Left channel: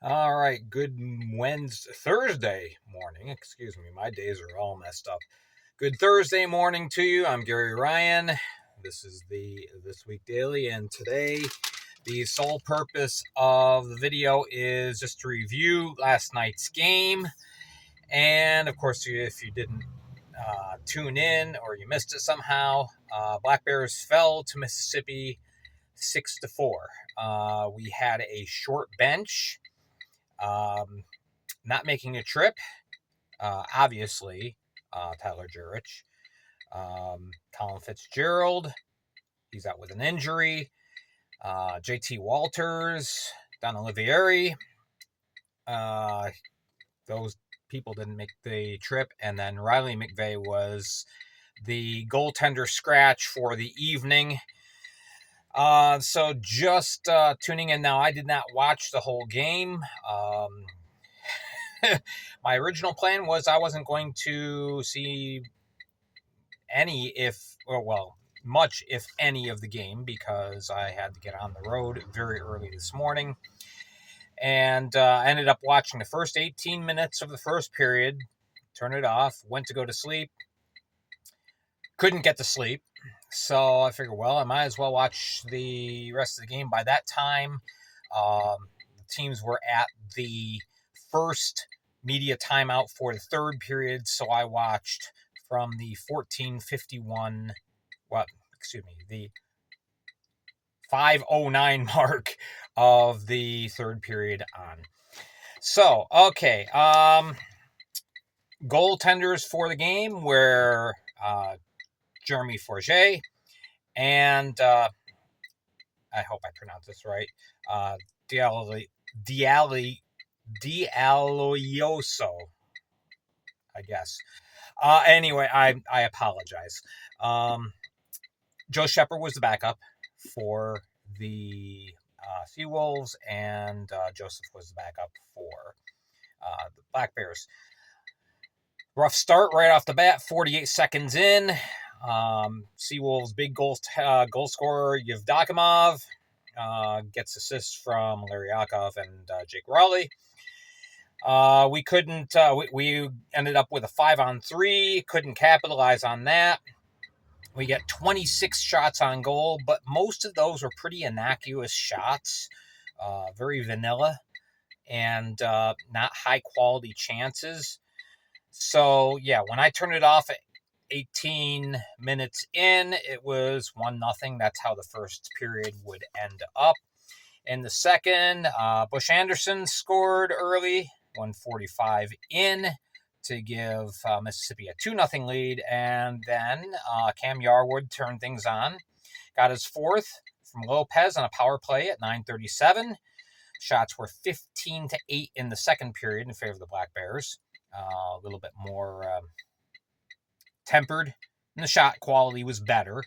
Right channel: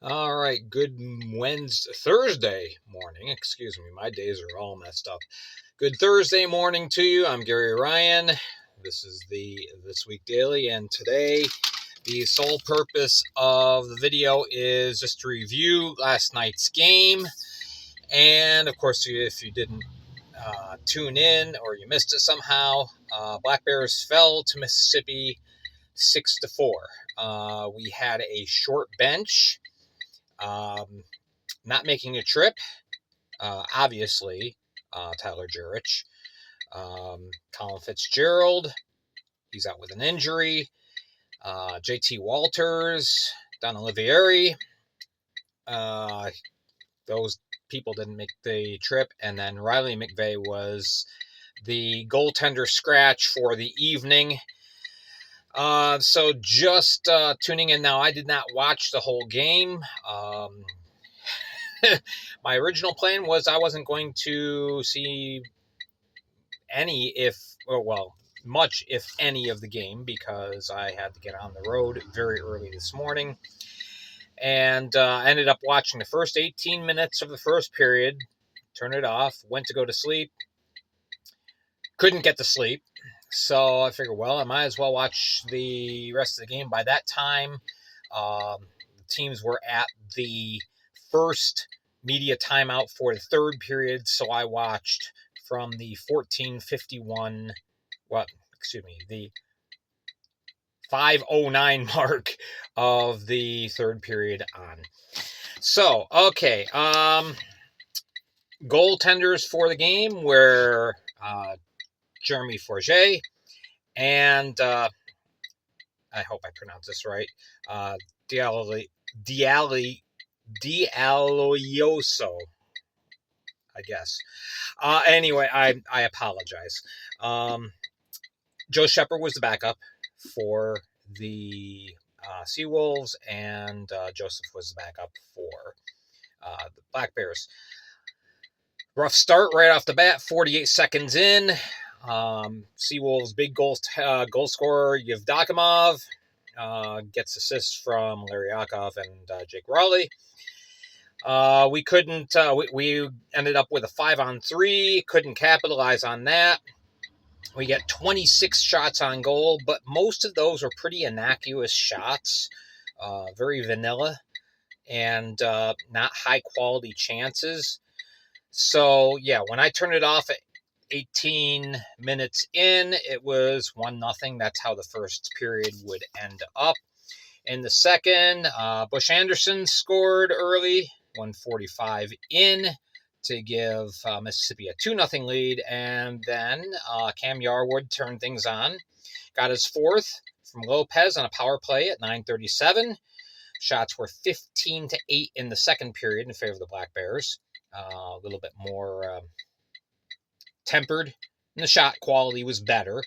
All right, good Thursday morning. Excuse me, my days are all messed up. Good Thursday morning to you. I'm Gary Ryan. This is the This Week Daily, and today the sole purpose of the video is just to review last night's game. And of course, if you didn't tune in or you missed it somehow, Black Bears fell to Mississippi 6-4. We had a short bench. Not making a trip, obviously, Tyler Jurich. Colin Fitzgerald, he's out with an injury. JT Walters, Don Olivieri, those people didn't make the trip. And then Riley McVeigh was the goaltender scratch for the evening. So just tuning in now, I did not watch the whole game. My original plan was I wasn't going to see much, if any, of the game because I had to get on the road very early this morning. And I ended up watching the first 18 minutes of the first period, turned it off, went to go to sleep, couldn't get to sleep. So I figured, well, I might as well watch the rest of the game. By that time, the teams were at the first media timeout for the third period, so I watched from the 14:51, the 5:09 mark of the third period on. So, okay, goaltenders for the game were Jeremy Forget and I hope I pronounced this right, Dialloyoso, I guess. Anyway, I apologize. Joe Shepard was the backup for the SeaWolves, and Joseph was the backup for the Black Bears. Rough start right off the bat, 48 seconds in. SeaWolves' big goal scorer, Yevdokimov, gets assists from Larry Yakov and Jake Raleigh. We couldn't. We ended up with a 5-on-3. Couldn't capitalize on that. We get 26 shots on goal, but most of those were pretty innocuous shots, very vanilla, and not high quality chances. So yeah, when I turned it off at 18 minutes in, it was 1-0. That's how the first period would end up. In the second, Bush Anderson scored early, 1:45 in, to give Mississippi a 2-0 lead. And then Cam Yarwood turned things on, got his fourth from Lopez on a power play at 9:37. Shots were 15-8 in the second period in favor of the Black Bears. A little bit more tempered, and the shot quality was better.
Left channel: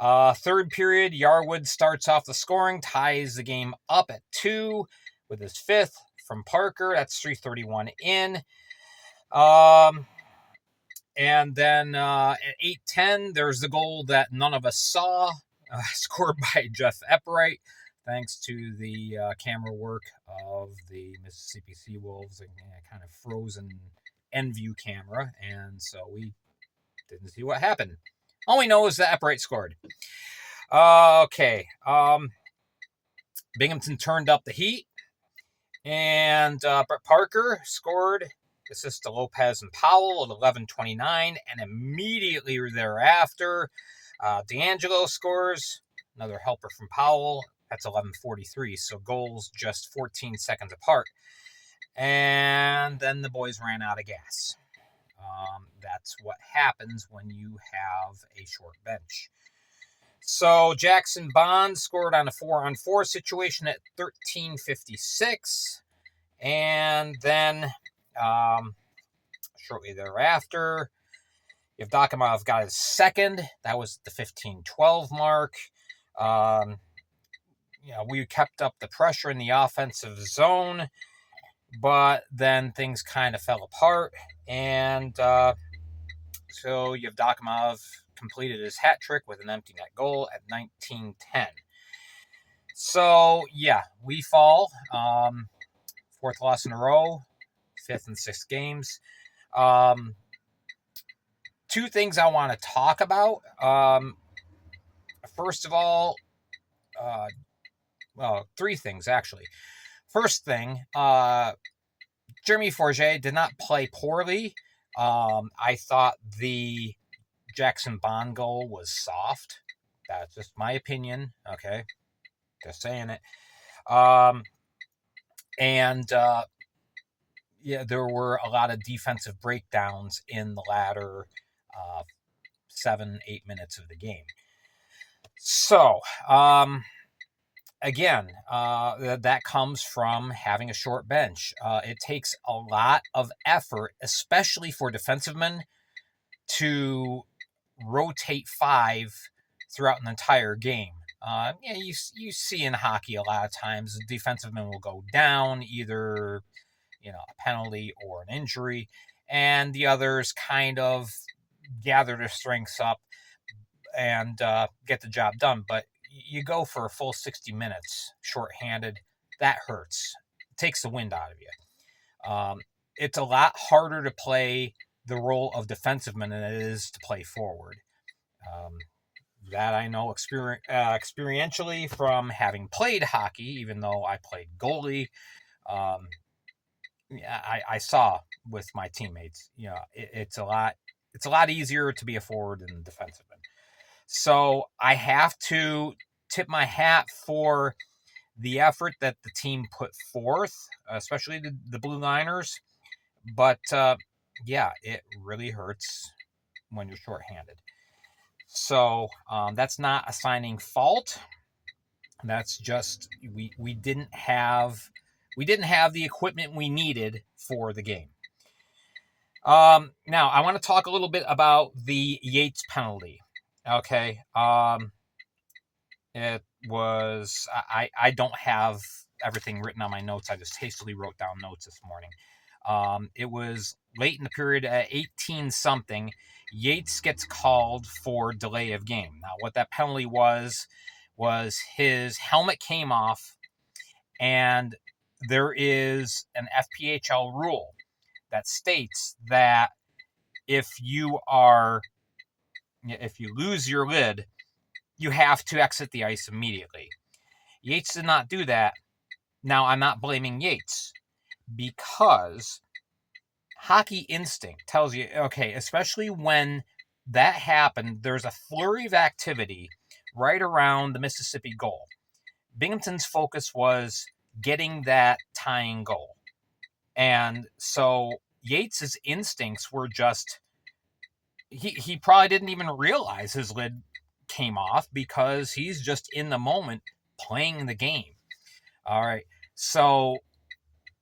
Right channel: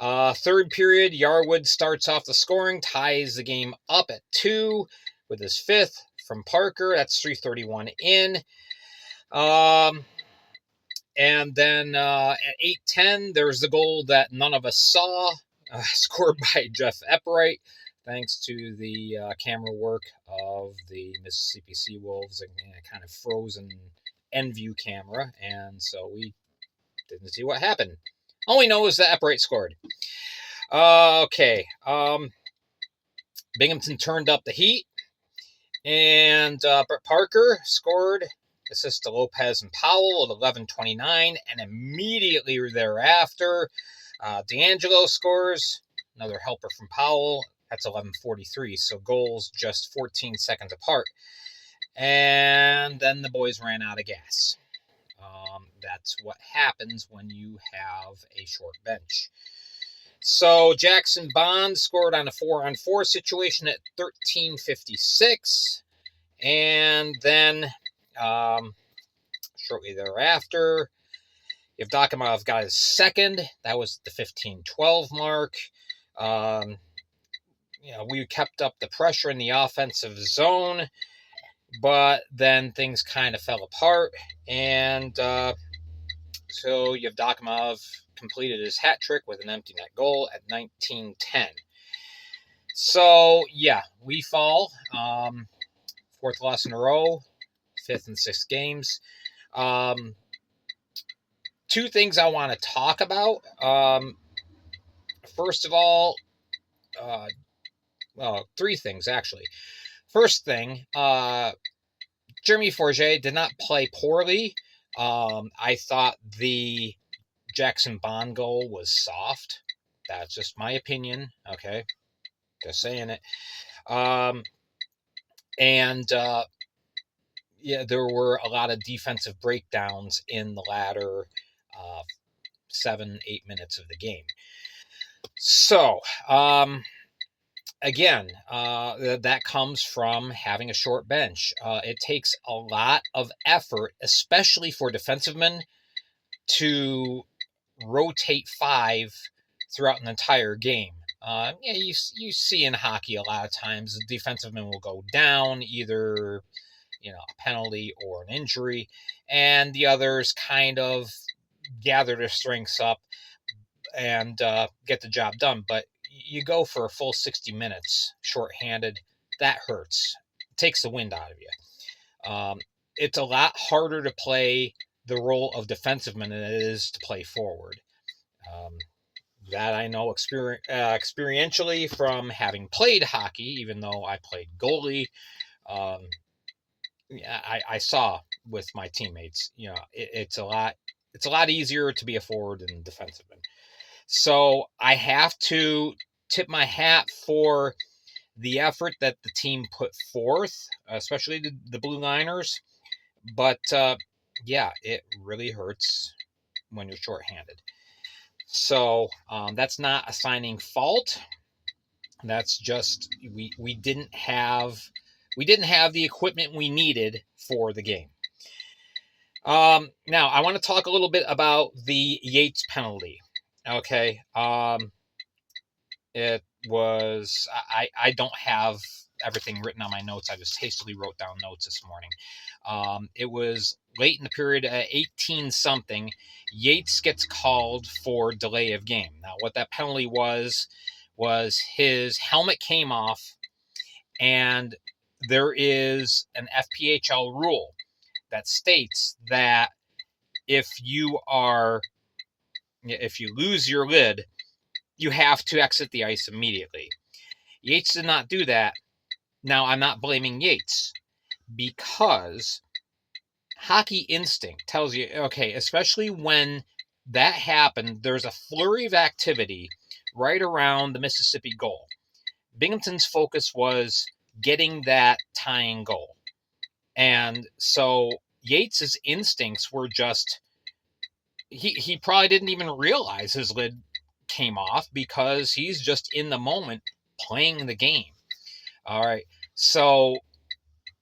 Third period, Yarwood starts off the scoring, ties the game up at 2 with his fifth from Parker. That's 3:31 in. And then at 8:10, there's the goal that none of us saw, scored by Jeff Epwright, thanks to the camera work of the Mississippi SeaWolves and kind of frozen end view camera. And so we didn't see what happened. All we know is that Epwright scored. Okay. Binghamton turned up the heat. And Brett Parker scored, assist to Lopez and Powell at 11:29. And immediately thereafter, D'Angelo scores, another helper from Powell. That's 11:43. So goals just 14 seconds apart. And then the boys ran out of gas. That's what happens when you have a short bench. So Jackson Bond scored on a 4-on-4 situation at 13:56. And then shortly thereafter, Yevdokimov got his second. That was the 15:12 mark. We kept up the pressure in the offensive zone, but then things kind of fell apart. And so Yevdokimov completed his hat trick with an empty net goal at 19:10. So, yeah, we fall fourth loss in a row, fifth in 6 games. Um, two things I want to talk about. First of all, well, three things actually. First thing, Jeremy Forget did not play poorly. I thought the Jackson Bond goal was soft. That's just my opinion. Okay, just saying it. And yeah, there were a lot of defensive breakdowns in the latter 7-8 minutes of the game. So, again, that comes from having a short bench. It takes a lot of effort, especially for defensivemen, to rotate 5 throughout an entire game. Yeah, you see in hockey a lot of times the defensiveman will go down, either a penalty or an injury, and the others kind of gather their strengths up and get the job done. But you go for a full 60 minutes shorthanded, that hurts. It takes the wind out of you. It's a lot harder to play the role of defenseman than it is to play forward. That I know experientially from having played hockey, even though I played goalie. I saw with my teammates, it's a lot easier to be a forward than a defenseman. So I have to tip my hat for the effort that the team put forth, especially the Blue Liners. But yeah, it really hurts when you're shorthanded. So that's not assigning fault. That's just we didn't have the equipment we needed for the game. Now I want to talk a little bit about the Yates penalty. Okay. It was I don't have everything written on my notes. I just hastily wrote down notes this morning. It was late in the period at 18 something. Yates gets called for delay of game. Now, what that penalty was his helmet came off, and there is an FPHL rule that states that if you lose your lid, you have to exit the ice immediately. Yates did not do that. Now, I'm not blaming Yates, because hockey instinct tells you, okay, especially when that happened, there's a flurry of activity right around the Mississippi goal. Binghamton's focus was getting that tying goal. And so Yates's instincts were just, he probably didn't even realize his lid came off because he's just in the moment playing the game. All right. So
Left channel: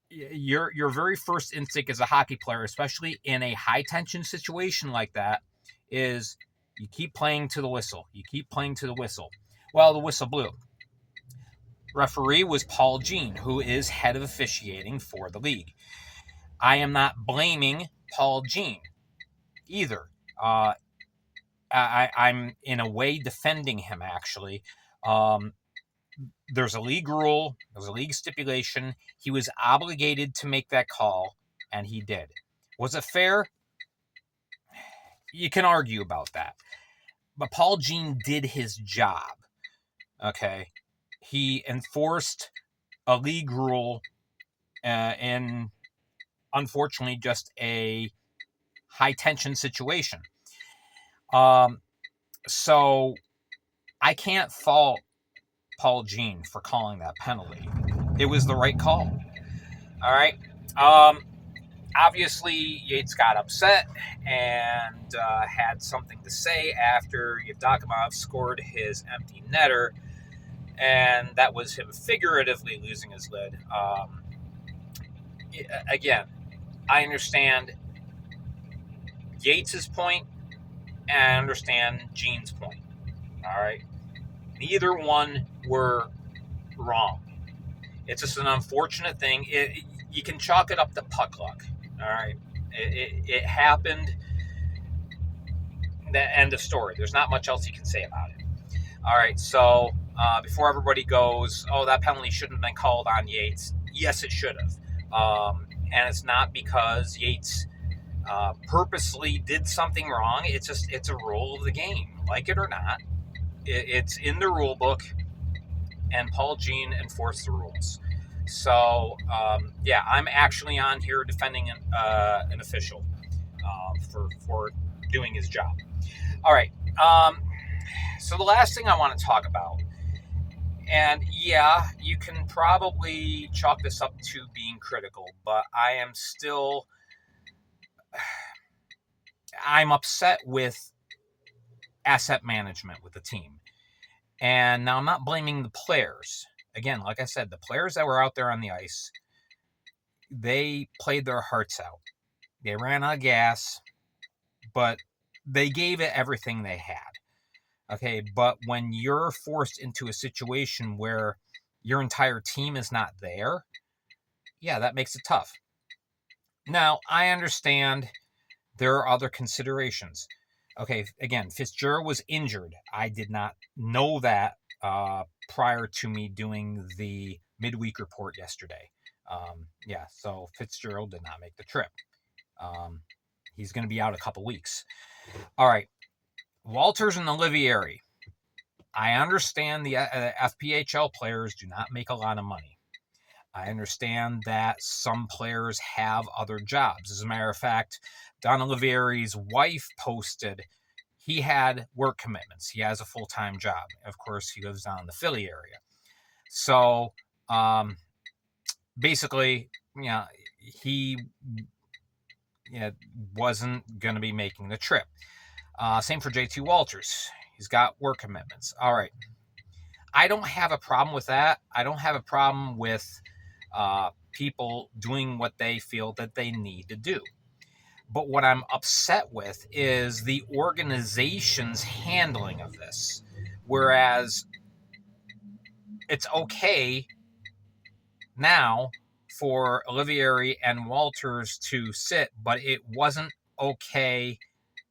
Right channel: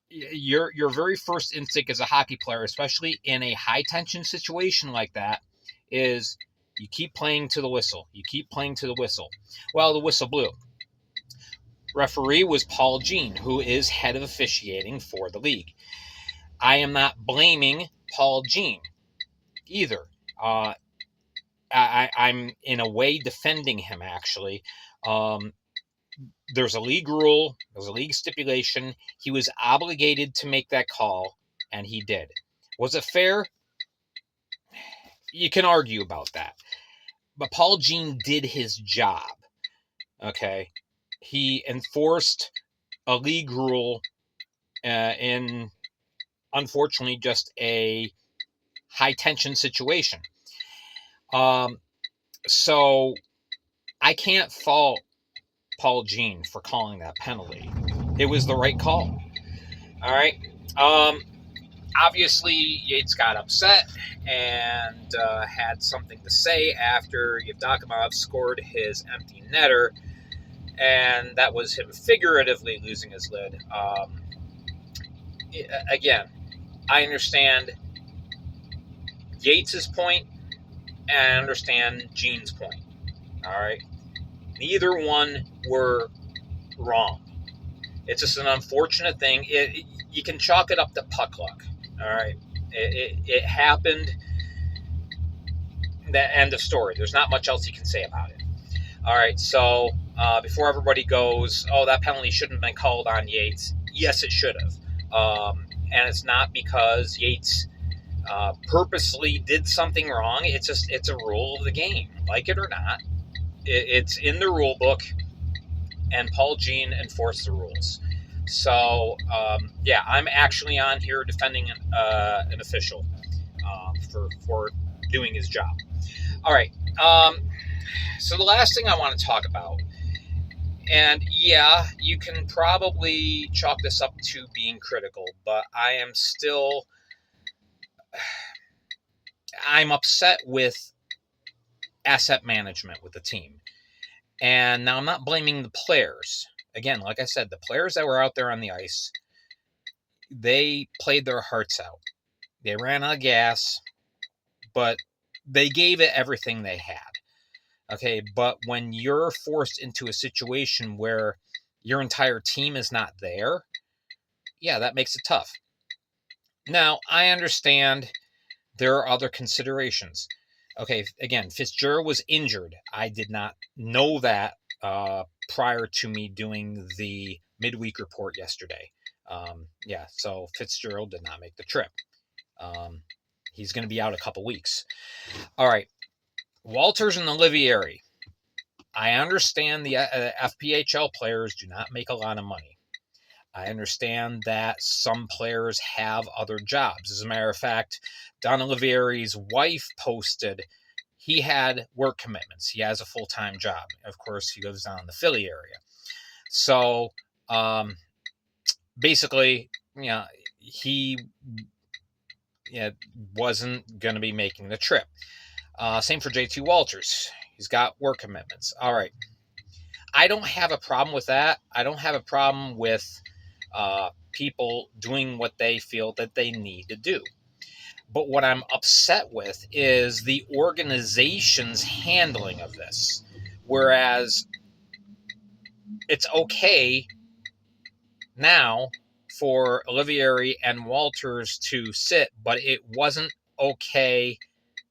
your very first instinct as a hockey player, especially in a high tension situation like that, is you keep playing to the whistle. You keep playing to the whistle. Well, the whistle blew. Referee was Paul Jean, who is head of officiating for the league. I am not blaming Paul Jean either. I'm in a way defending him, actually. There's a league rule, there's a league stipulation. He was obligated to make that call, and he did. Was it fair? You can argue about that. But Paul Jean did his job. Okay? He enforced a league rule in, unfortunately, just a high-tension situation. So I can't fault Paul Jean for calling that penalty. It was the right call. All right. Obviously, Yates got upset and had something to say after Yevdokimov scored his empty netter, and that was him figuratively losing his lid. Again, I understand Yates's point, and I understand Jean's point. All right. Neither one were wrong. It's just an unfortunate thing. You can chalk it up to puck luck. All right. It happened. The end of story. There's not much else you can say about it. All right. So before everybody goes, oh, that penalty shouldn't have been called on Yates. Yes, it should have. And it's not because Yates purposely did something wrong. It's a rule of the game, like it or not. It's in the rule book, and Paul Jean enforced the rules. So yeah, I'm actually on here defending an official for doing his job. All right. So the last thing I want to talk about, and yeah, you can probably chalk this up to being critical, but I'm upset with asset management with the team. And now I'm not blaming the players. Again, like I said, the players that were out there on the ice, they played their hearts out. They ran out of gas, but they gave it everything they had. Okay, but when you're forced into a situation where your entire team is not there, yeah, that makes it tough. Now, I understand there are other considerations. Okay, again, Fitzgerald was injured. I did not know that prior to me doing the midweek report yesterday. Yeah, so Fitzgerald did not make the trip. He's going to be out a couple weeks. All right, Walters and Olivieri. I understand the FPHL players do not make a lot of money. I understand that some players have other jobs. As a matter of fact, Don Olivieri's wife posted he had work commitments. He has a full-time job. Of course, he lives down in the Philly area. So basically, he wasn't going to be making the trip. Same for JT Walters. He's got work commitments. All right. I don't have a problem with that. I don't have a problem with people doing what they feel that they need to do. But what I'm upset with is the organization's handling of this. Whereas it's okay now for Olivieri and Walters to sit, but it wasn't okay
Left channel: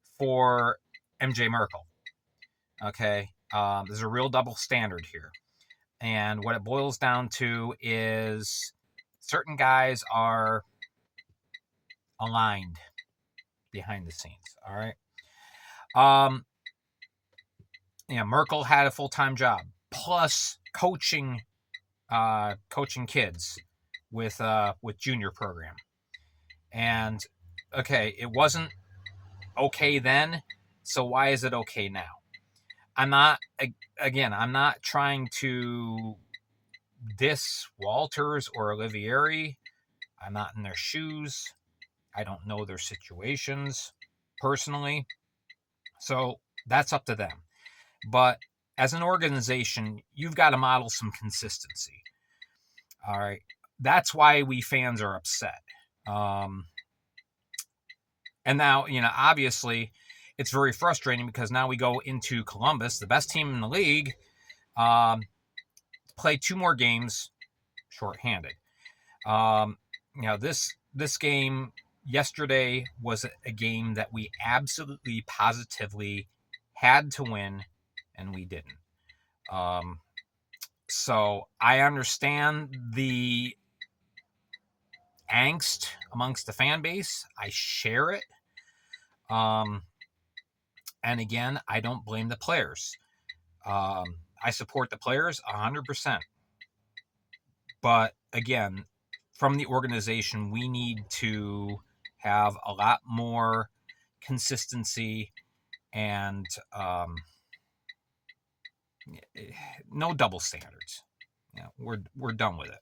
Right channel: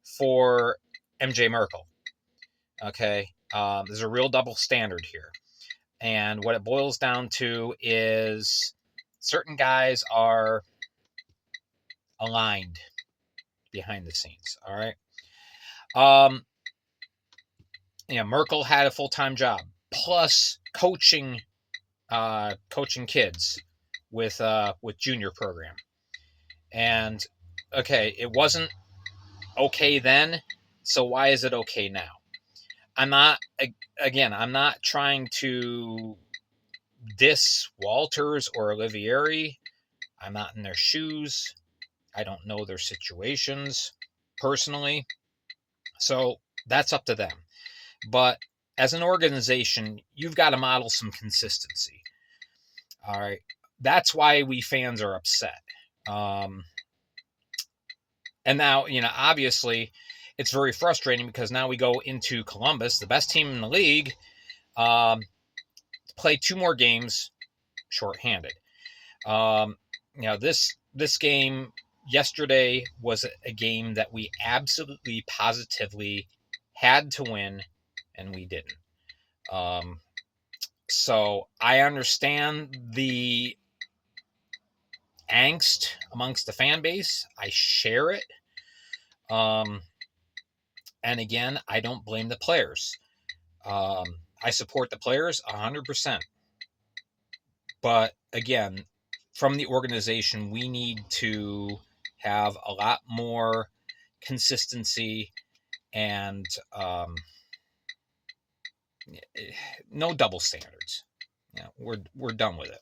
for MJ Merkel. Okay? There's a real double standard here. And what it boils down to is certain guys are aligned behind the scenes. All right. Merkel had a full-time job plus coaching kids with junior program. And okay, it wasn't okay then, so why is it okay now? I'm not trying to diss Walters or Olivieri. I'm not in their shoes. I don't know their situations personally. So that's up to them. But as an organization, you've got to model some consistency. All right. That's why we fans are upset. And now, obviously, it's very frustrating because now we go into Columbus, the best team in the league, play 2 more games shorthanded. This game yesterday was a game that we absolutely positively had to win, and we didn't. So I understand the angst amongst the fan base. I share it. And again, I don't blame the players. I support the players 100%. But again, from the organization, we need to have a lot more consistency and no double standards. We're done with it.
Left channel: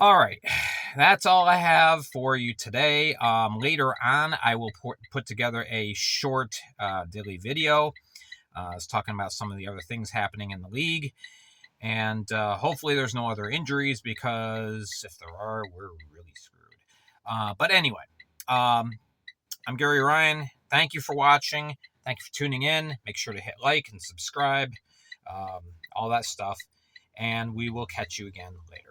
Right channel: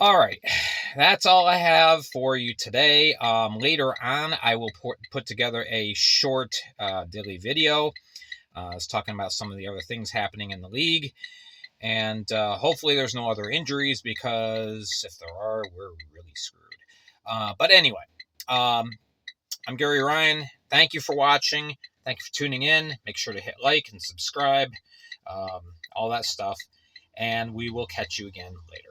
All right, that's all I have for you today. Later on, I will put together a short daily video. I was talking about some of the other things happening in the league. And hopefully there's no other injuries, because if there are, we're really screwed. But anyway, I'm Gary Ryan. Thank you for watching. Thank you for tuning in. Make sure to hit like and subscribe, all that stuff. And we will catch you again later.